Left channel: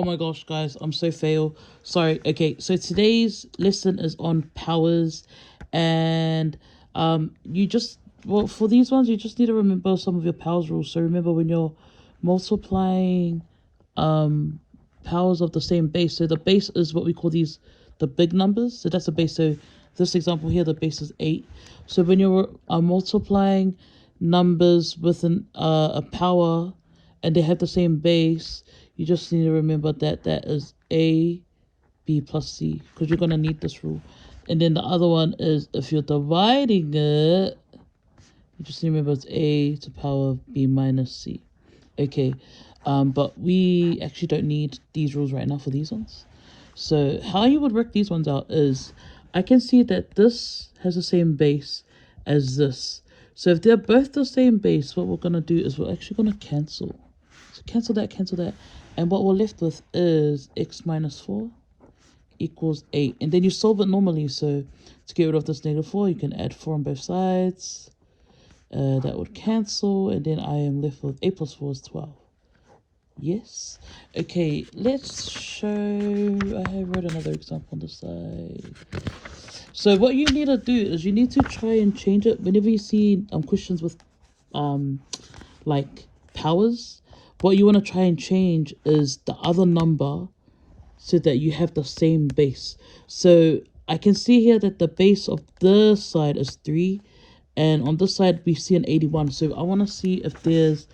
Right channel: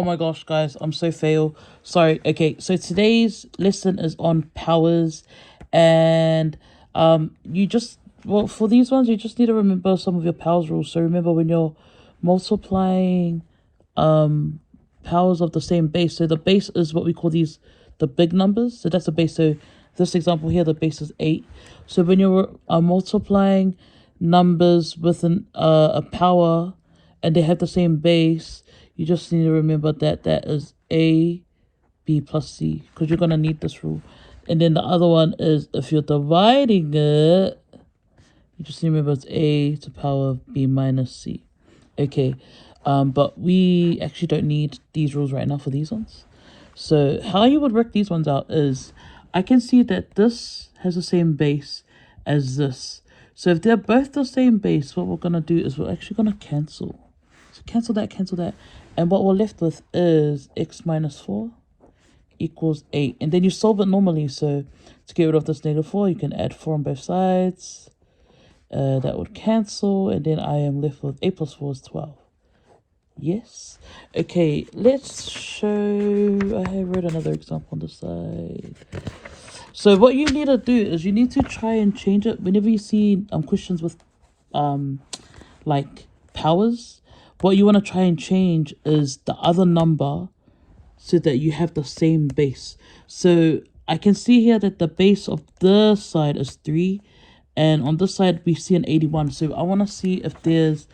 Oh my gosh, guys, I'm so fail. Sorry. Okay, so today's lesson is on powers, and you just for these ones you just need to remember some of your powers rules. So remember when you're multiplying powers of the same base. So the base is what we call the big numbers. So that's the base. So this example here, the base is 8. So when you're multiplying numbers with a power and they have the same base, you just need to remember that that is a b plus c, because you're going to need this rule. And then the other one is if you're dividing it, you just need to remember it's a to the power of b minus c. Okay, but we actually don't need these rules right now for these ones. So how you would work these ones out is, I can see that this has the same base as this. So if they're both the same base, what we're going to do is we're actually going to cancel. So cancel that. And what we're left with is x minus 4 equals 8. And then you solve it normally. So to get rid of this negative 4, you can add 4 on both sides. That would cancel. And then I am left with 8 plus 4 is 12. Yes. Okay, let's show. I wrote another example on the side. So what you need to do is you need to try and change it whenever you see questions with like powers. What you want to try and change is the other number so that you have the same base. So I can see here that the base of this side is 3, and on this side we see an 81. So I want to see if there's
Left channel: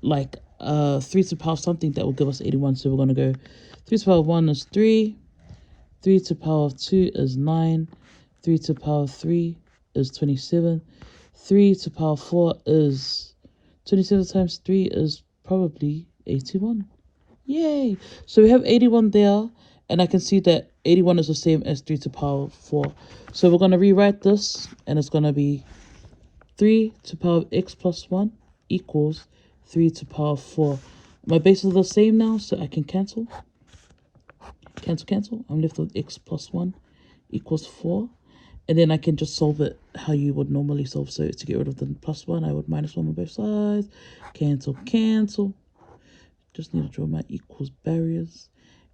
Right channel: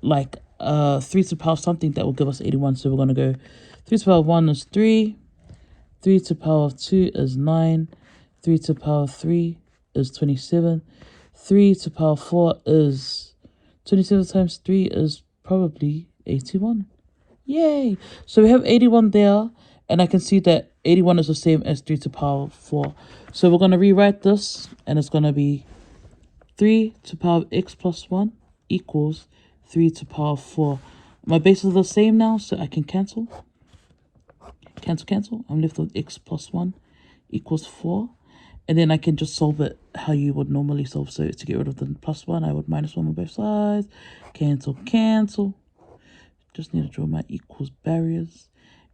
like 3 to the power something that will give us 81. So we're going to go 3 to the power 1 is 3, 3 to the power of 2 is 9, 3 to the power of 3 is 27, 3 to the power of 4 is 27 times 3 is probably 81. Yay! So we have 81 there, and I can see that 81 is the same as 3 to the power of 4. So we're going to rewrite this, and it's going to be 3 to the power of x plus 1 equals 3 to the power of 4. My bases are the same now, so I can cancel. Cancel. I'm left with x plus 1 equals 4. And then I can just solve it how you would normally solve. So to get rid of the plus 1, I would minus 1 on both sides. Cancel. Just need to draw my equals barriers.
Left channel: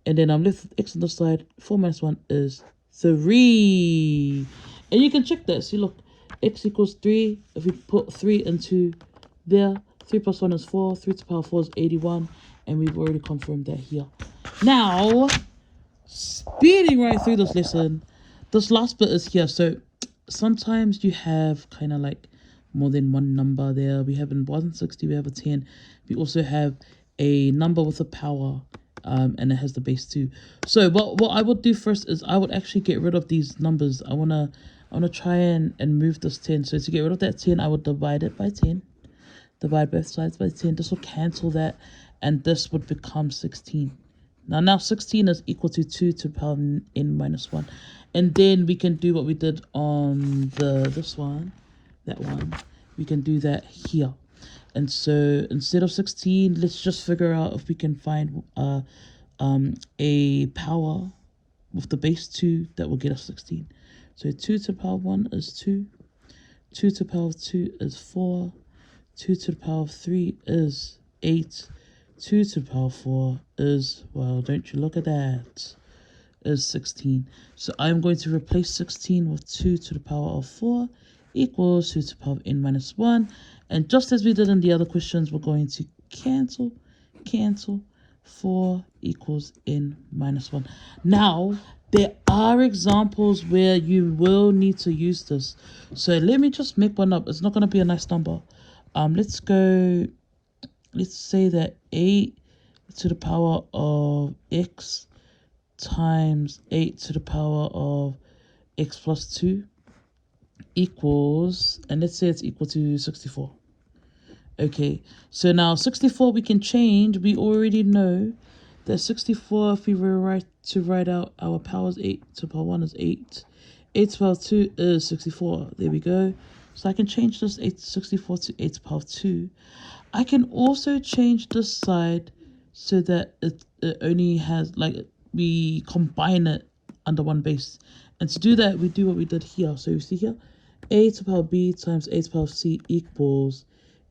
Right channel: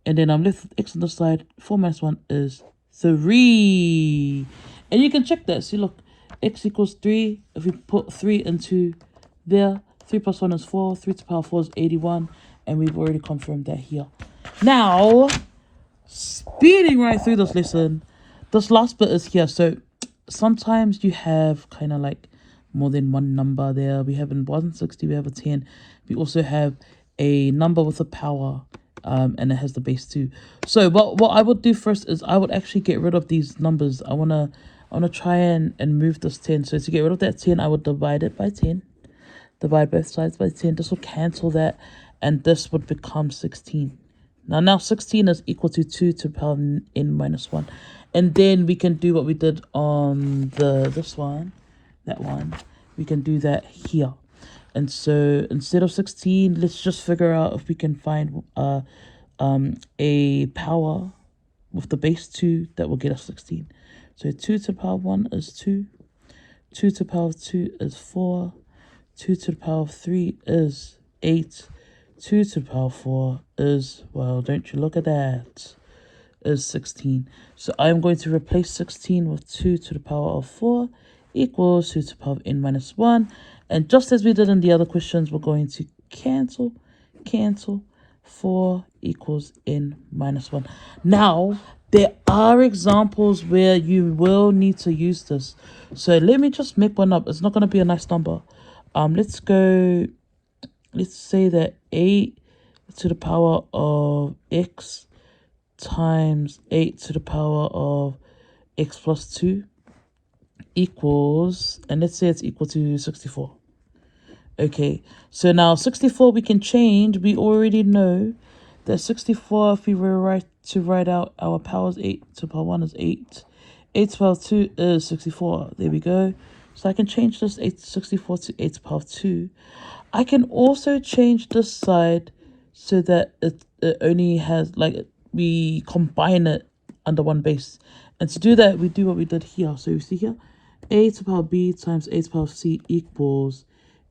And then I'm left with x on the side. 4 minus 1 is 3. And you can check that. See, look, x equals 3. If we put 3 into there, 3 plus 1 is 4. 3 to the power of 4 is 81. And we've already confirmed that here. Now, speeding right through this lesson, this last bit is here. So sometimes you have kind of like more than one number there. We have in 160, we have a 10. We also have a number with a power, and it has the base 2. So what I would do first is I would actually get rid of these numbers. I wanna try and move this 10. So to get rid of that 10, I would divide it by 10. Divide both sides by 10. This will cancel that, and this would become 16. Now 16 is equal to 2 to the power n minus 1. And then we can do what we did on that one. We can do that here. And so instead of 16, let's just figure out if we can find a power with the base 2 that will get us 16. So 2 to the power of 1 is 2. 2 to the power of 2 is 4. 2 to the power of 3 is 8. 2 to the power of 4 is, well, don't you look at that, is 16. So I'm going to replace 16 with 2 to the power of 4 equals 2 to the power of n minus 1. And just as we did in the other questions, we're going to cancel. 4 equals n minus 1. Now, there are examples where you will need to use this. So let me just make one up. It's not going to be a nice number. Let's say that 8 to the power of x times 8 to the power of x plus 2 equals, and let's say it's equal to 64. Okay, so now 64 we can change. We already know that 64, if we were to write out our powers, 8 to the power 1 is 8. 8 to the power 2 is 64. There we go. So I can change this 64 to 8 to the power of 2. I can also change this side so that it only has, like, we combine it under one base. And to do that, we do what we did here. So you see here, a to the power b times a to the power of c equals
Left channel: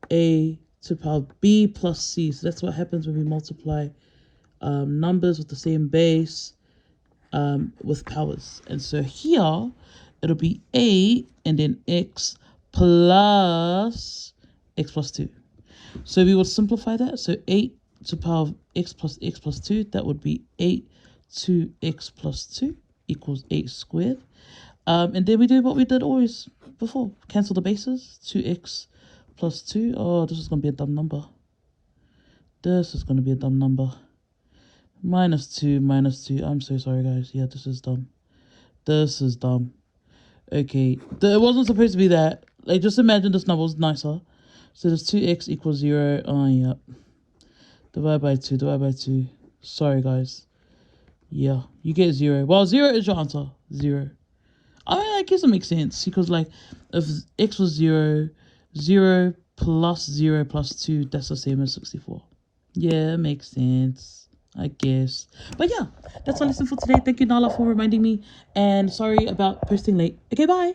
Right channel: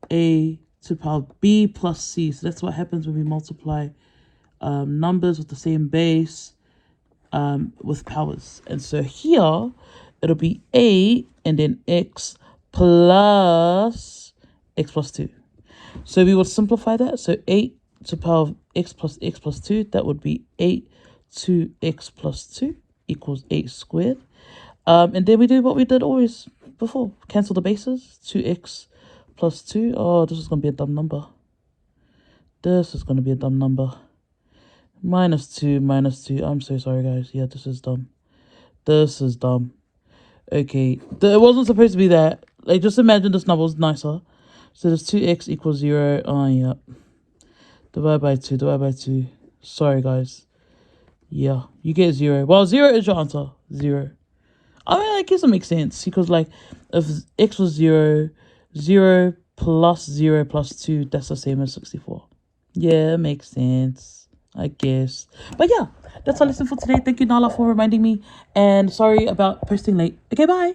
a to the power b plus c. So that's what happens when we multiply numbers with the same base with powers. And so here, it'll be 8 and then x plus 2. So we would simplify that. So 8 to the power of x plus 2, that would be 8 to x plus 2 equals 8 squared. And then we do what we did always before. Cancel the bases. 2x plus 2. Oh, this is going to be a dumb number. This is going to be a dumb number. Minus 2, minus 2. I'm so sorry, guys. Yeah, this is dumb. This is dumb. Okay. It wasn't supposed to be that. Like, just imagine this number was nicer. So there's 2x equals 0. Oh, yeah. Divide by 2, divide by 2. Sorry, guys. Yeah, you get 0. Well, 0 is your answer. 0. I mean, I guess it makes sense. Because, like, if x was 0, 0 plus 0 plus 2, that's the same as 64. Yeah, it makes sense, I guess. But yeah, that's our lesson for today. Thank you, Nala, for reminding me. And sorry about posting late. Okay, bye.